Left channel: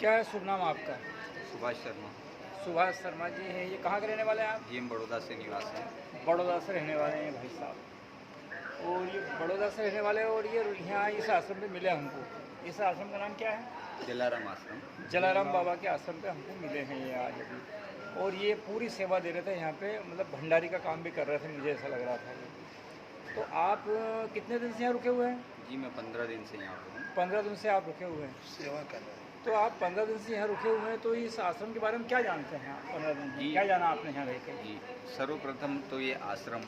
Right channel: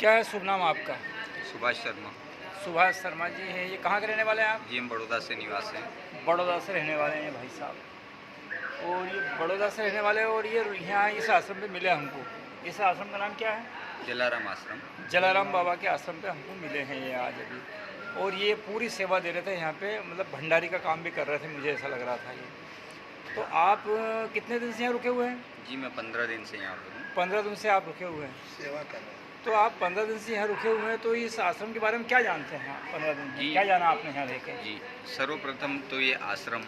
क्या है शुभ नाम आपका? सुभाष शर्मा। सुभाष शर्मा जी हैं। ये कहाँ के रहने वाले हैं आप? जी, हम बड़ौदा से निवास हैं। बड़ौदा से रहने वाले हैं भाई साहब। और ये बड़ौदा से रहने वाले हैं और ये यहाँ इस आश्रम में मिले हमको। इस आश्रम का नाम क्या है? जलाराम आश्रम। जलाराम बाबा के आश्रम पे हमको मिले हैं ये आज अभी। और ये पूरी सेवा दे रहे थे यहाँ पे, मतलब भंडारी का काम भी कर रहे थे, मुझे ऐसा लग रहा था ये। तो आप कितने दिन से यहाँ रुके हुए हैं? जी, मैं 15 दिन से यहाँ पर हूँ। 15 दिन से आप रुके हुए हैं, सेवा कर रहे हैं। तो आप 15 दिन से यहाँ रुके हुए हैं, तो इस आश्रम के बारे में क्या जानते हैं आप 15 दिन में? जी। क्या जाना आपने यहाँ रह के? जी, सर्वप्रथम तो ये आश्रम,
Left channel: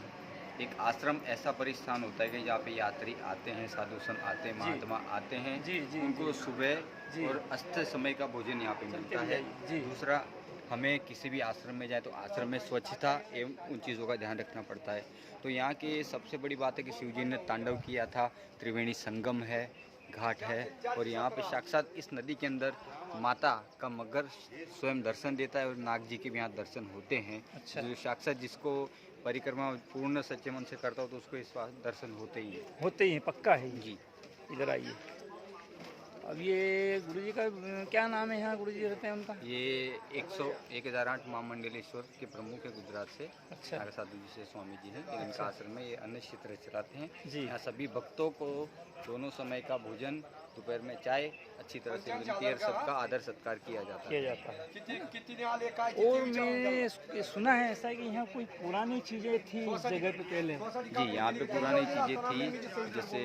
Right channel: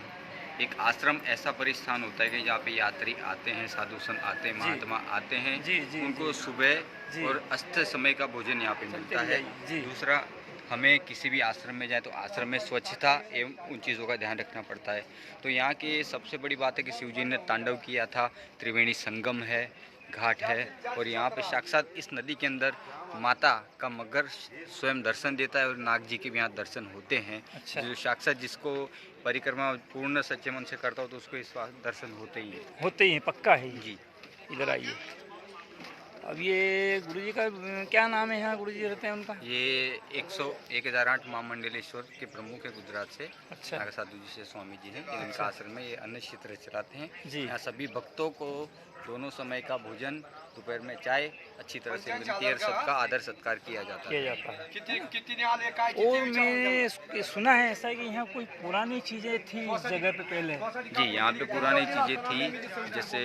एक आश्रम ऐसा परिस्थान होता है कि जहाँ पे यात्री आते हैं, साधु संत आते हैं, महात्मा आते हैं। जी, जी, उनको जी। सुबह जी। और अस्त समय का भोजन यहाँ पे मिलता है। जी। दूसरा, हमें किसी भी आश्रम में जाए तो आश्रम में स्वच्छता एवं उन चीज़ों का ध्यान रखना पड़ता है। तो यहाँ की सबसे बड़ी बात है कि शिव जी ने तांडव किया था, त्रिवेणी संगम है, घाट है, और यहाँ पे साक्षात इस नदी के अंदर माता का मगर स्वयं दर्शन देता है और नाग जी के भी यहाँ दर्शन होते हैं। अच्छा। जो साक्षात जिसको परिक्रमा पूर्ण सच्चे मन से करता हो तो उसको इस बात दर्शन होते ही है। होते ही हैं, पक्का है ये। जी। इधर आइए। अब ये गुरुजी का क्या नाम है यहाँ गुरुजी रहते हैं उनका? ये 1008 महामंडलेश्वर के प्रमुख है गुजरात से। अच्छा। नागा साधु जी से स्वामी जी हैं। ये इनका आश्रम में ये अन्न क्षेत्र चलाते हैं। जी। यहाँ सभी भक्तों को दोनों समय का भोजन, दोपहर में चाय अच्छी तरह से मिलती है और सबका आदर सत्कार किया जाता किया है। जाता है। और मैं सुना है ऐसा कि यहाँ कोई पुरानी चीज़ें थी इस जगह पे पहले। जी, यहाँ पे पुरानी चीज़ें थी, जैसे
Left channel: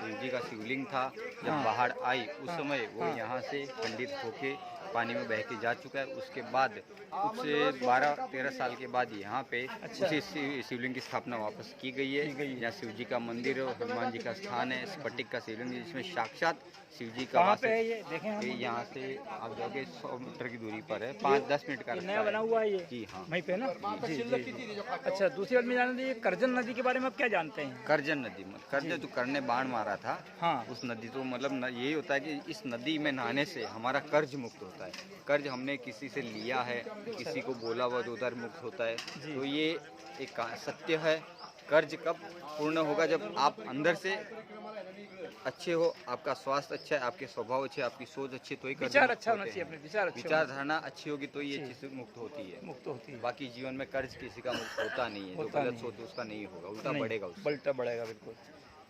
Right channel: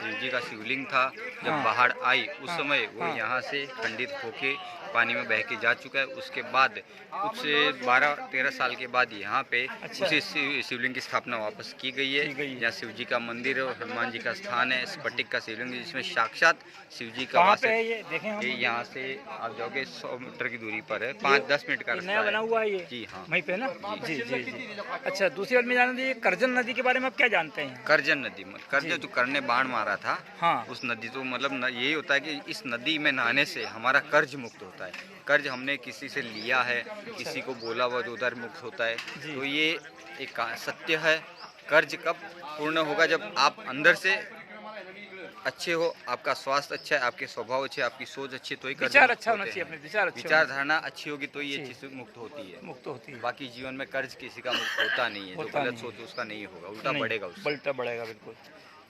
शिव जी का शिवलिंग था। जब हाँ। बाढ़ आई उस हाँ। समय वो हाँ। यहाँ से खंडित होके पानी में बह के जा चुका है। उसके बाद कुछ 12-13 साल के बाद यहाँ पे अच्छा। उसी शिवलिंग की स्थापना वापस की गई है। की गई है। यहाँ शिव जी का मंदिर है और हनुमान जी का स्थान है। स्फटिक का शिवलिंग है जिसमें साक्षात शिव जी का कहाँ वास पे है। है ये? देखें हम। ये यहाँ से आप जाओगे 100 मीटर की दूरी पर है, 5-10 मिनट का ये रास्ता नया बना हुआ है ये? जी हाँ। वहीं पे ना? जी जी जी। अच्छा, दूसरी बात मैं जानना था, ये करजन नदी के बारे में आप क्या जानते हैं? करजन नदी, करजन जो कर्ण ने बाण मारा था, हाँ। उस नदी, तो मतलब यही होता है कि इस नदी में नहाने से हमारा कर्ज मुक्त होता है। कर्ज हमने किसी से लिया है, किसी को बोला हुआ तो उधर मुक्त होता है। जी। तो ये एक सत्य है। कर्ज कब पूर्ण होगा? जब आप अंदर से अच्छे हो, आपका स्वास्थ्य अच्छा है, आपके स्वभाव अच्छे, आपकी सोच अच्छी, तो ही कर्ज विचार मुक्त अच्छा होना होते चाहिए, हैं। अपने विचार अच्छे विचारधारणा अच्छी होगी तो ये जी। चीज़ से मुक्त होती है। मुक्त होती है। बाकी जीवन में कर्ज किसी का मुक्त होता नहीं है। जो होता गलत नहीं। सोच उसका नहीं होगा, उल्टा नहीं, बढ़ेगा उससे। बल्टा बढ़ेगा बिल्कुल।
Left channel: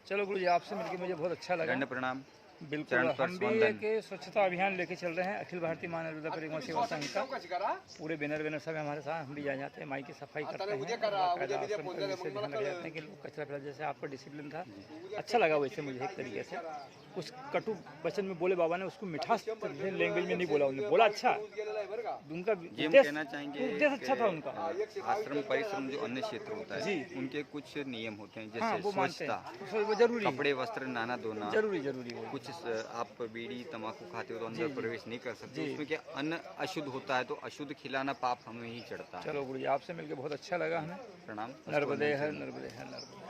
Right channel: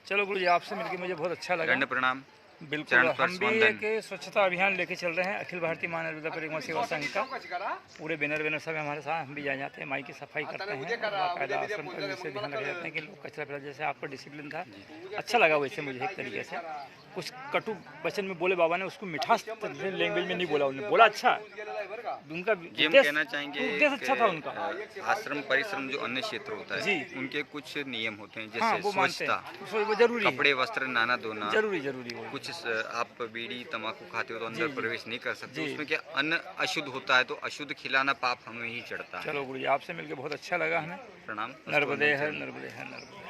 चलो गुरुजी, आपसे मिलकर मुझे बहुत अच्छा लगा। दंड प्रणाम। बिल्कुल। चरण हम स्पर्श भी वंदन। एक स्वच्छता अभियान लेके चल रहे हैं, अखिल भारतीय मानव परिक्रमा सेवा संघ का। पूरे बैनर सब हमारे साथ, हम भी जाते हैं, माई की सफाई करते हैं, बाकायदा आश्रम पर जैसे ध्यान रख जाते हैं कि लोग कचरा फैला, जैसे आपका डिसिप्लिन था, अच्छा लगा वैसे मुझे एक तरीके से। कुछ कटु वचन में बोले बाबा ने, उसको मिठास लैंग्वेज में नहीं बोला, उन्होंने बोला अच्छा। उनका जी, हम कहना चाहेंगे उद्देश्य अच्छा था कि, उनका। आश्रम परिश्रम जो अन्य क्षेत्र होता है, जी। उनके कुछ नियम होते हैं, हाँ, जैसे वो मानते स्वच्छता, हैं, वो जरूरी है। कपड़े वस्त्र नाना धोना। जरूरी जरूरी वो। कुछ आप बीड़ी तंबाकू खाते हो तो जी, अंदर जी। प्रवेश नहीं कर सकते। जी। उसमें क्या अन्न अशुद्ध होता है, तो अशुद्ध खिलाना पाप हमें ही चढ़ता है। चलो गुरुजी, आपसे मिलकर बहुत अच्छा लगा हमें। प्रणाम। नर्मदे है, नर्मदे है, नर्मदे।